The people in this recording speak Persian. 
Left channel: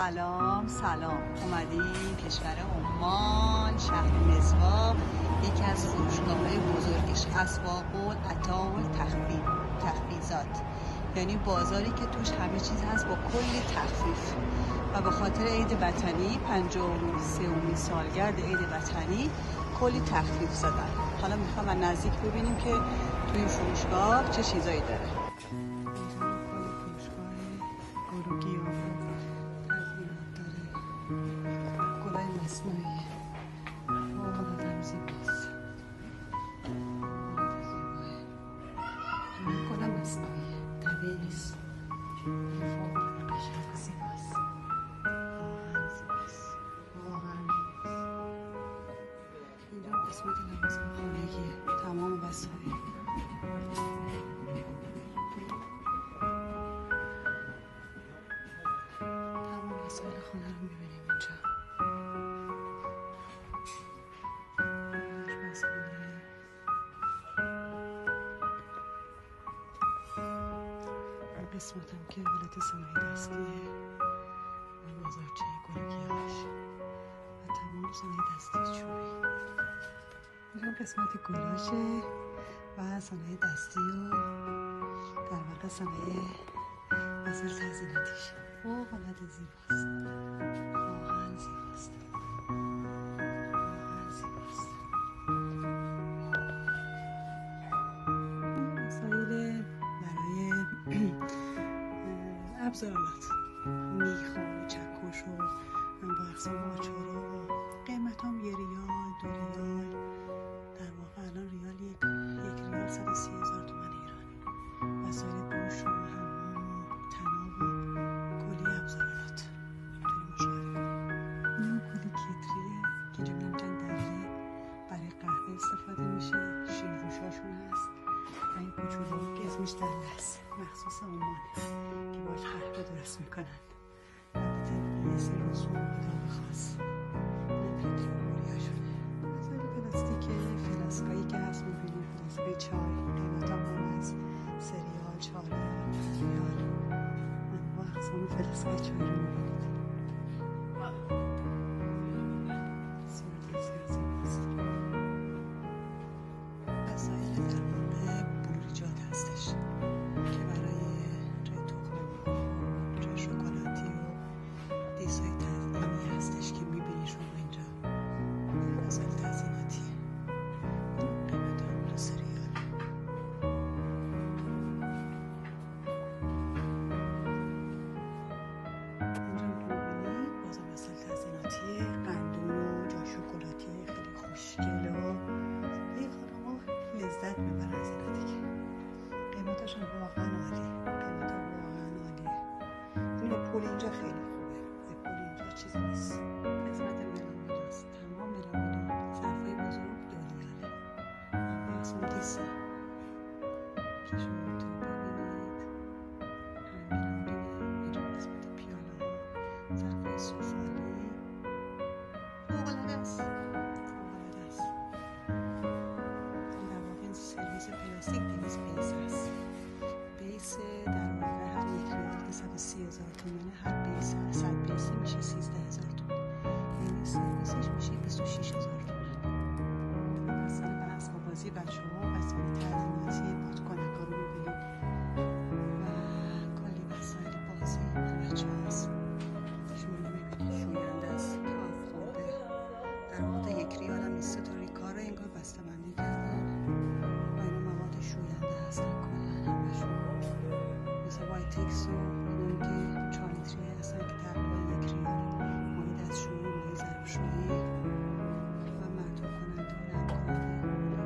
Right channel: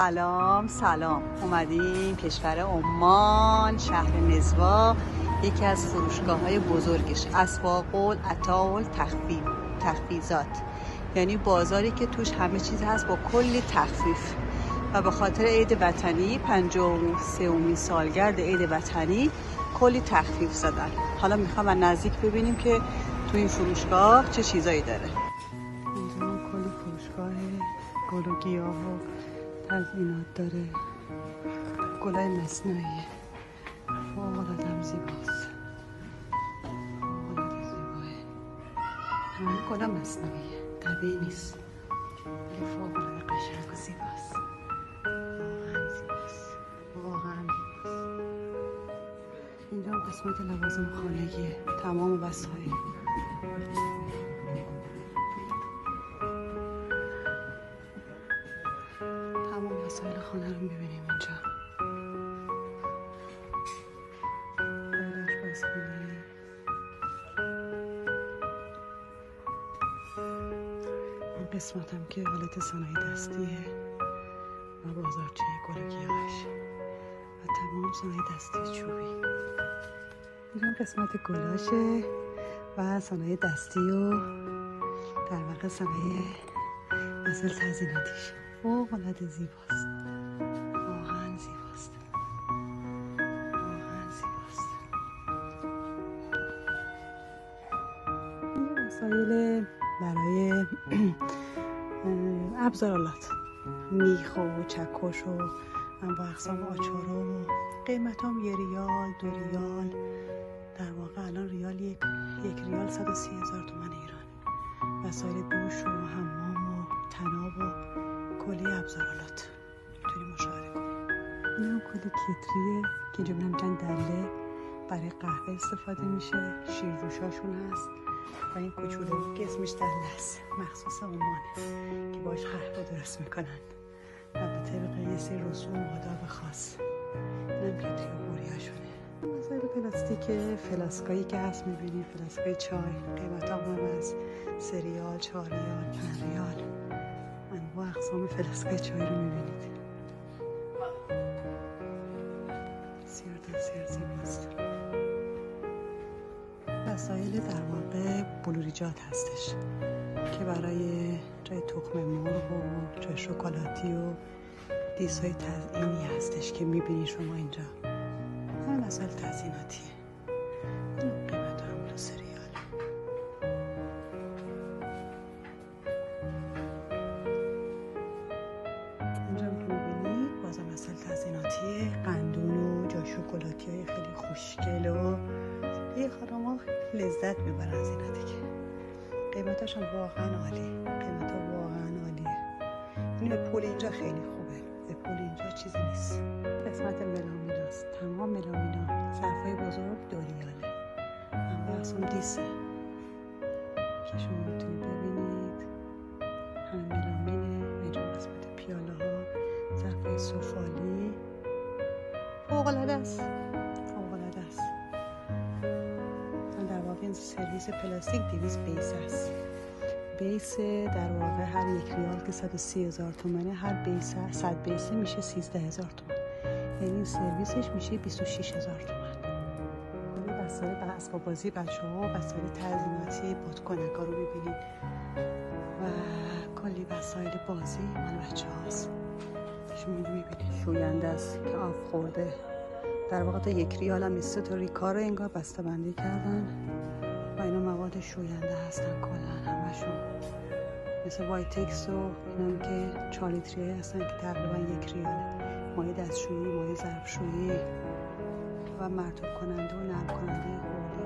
سلام اومدیم کشور عمان، شهر نزوا، یکی از فروشگاه‌های بزرگش اسواق العطا تخفیضات، یعنی بازاری که توش همه چیز هست با کلی تخفیف و به خاطر عید وطنی 53مین سالگرد عید وطنی کلی تخفیف زدن. حالا میخوام از نزدیک ببینیم که تو این فروشگاه چه چیزایی داره. اینجا کلی فروشگاه گل و گیاه و تزیینات داره، گلای مصنوعی فوق‌العاده زیباست، فوق‌العاده زیباه. همه گلا مصنوعیه، طبیعی نیست، ولی فوق‌العاده قشنگ و زیباست. واقعا زیباست، واقعا زیباست. اینجا قسمت لوازم خانگیه، تمام وسایل. تمام وسایل خانه رو میبینیم اینجا. آشپزخونه، این قسمت هم که حالت صنایع دستیه و بازارچه گل و گیاهش و تمام صنایع دستی چوبی. اینجا قسمت گلاشه و صنایع دستی و در واقع صنایع وسایل تزییناتیش. فوق‌العاده زیباست، واقعا زیباست، واقعا زیباست. این وسایل برای ابزارالات، میخ و چکش و انواع اقسام آچار و قیمت هم 1 ریال 2 ریال. در واقع الان ریال یک ریال 130,000 تومان ایرانه. وسایل دوش و حمام و تناب و کلی ابزارالات میتونیم مشاهده کنیم. این هم کلی کتریه که اینجا میگن دله، برای قهوه استفاده میشه. شیرجوشاشون هست و این کوچولو که اسمش دله است، مخصوص عمانه که باش قهوه درست میکنن و به طبق یه سری رسوم و آداب خاص. این هم کتری و بوریاشونه. وسایل پلاستیک، فلاسکایی که هست میبینیم، فلاسکای چای، قیمت هم از 3 ریال 4 ریال 5 ریال. انواع اقسام فلاسکای چای رو میبینید. بسیار زیباست. وسایل در واقع بلوریجات هستش که برای جای تخم مرغ و جای شکلاتی و دیسای تزیینی هستش که میبینی شما اینجا. این وسایل تزییناتیه. قیمت هم 3 ریال. قندون و جای شکلاتی های خیلی خوشگل و یه خانم ها لذت میبرن از اینا دیگه. قیمتاش هم واقعا عالی، قیمت ها واقعا عالیه. این به پول اینجا خیلی خوبه، به پول اینجا چیزی نیست. قسمت ملامیناست، تمام ملامینا، ظرفای بزرگ 2 ریاله. انواع اقسام دیسه که شما میتونید ببینید. همه ملامینه. اینجا قسمت پیاله ها، ظرفای سفالی. فوق‌العاده است، فوق‌العاده است. در واقع این سرویس پلاستیک 200 بیس است. بیس در واقع هر 1 ریال که 130,000 تومنه، هر بیس 100 بیسه میشه 13,000 تومن، یعنی سرویسش میشه 26,000 تومن. وسایل اسباب بازی بچه‌ها و وسایل تزییناتی بادکنک‌ها رو می‌بینید و کلی وسایل بازی مال بچه‌هاست. شما می‌بینید شوینده است که آب خورده. در واقع تا 1 ریال هم نیست. 3 تا ریکا رو انگار بسته‌بندی کردن و اینا مواد شوینده هستن کلا همشون، مثل وایتکس و اینم که 4 لیتری هستن که تقریبا 1 ریاله. مایع دستشویی، مایع ظرفشویی و مرطوب کننده و نرم کننده حوله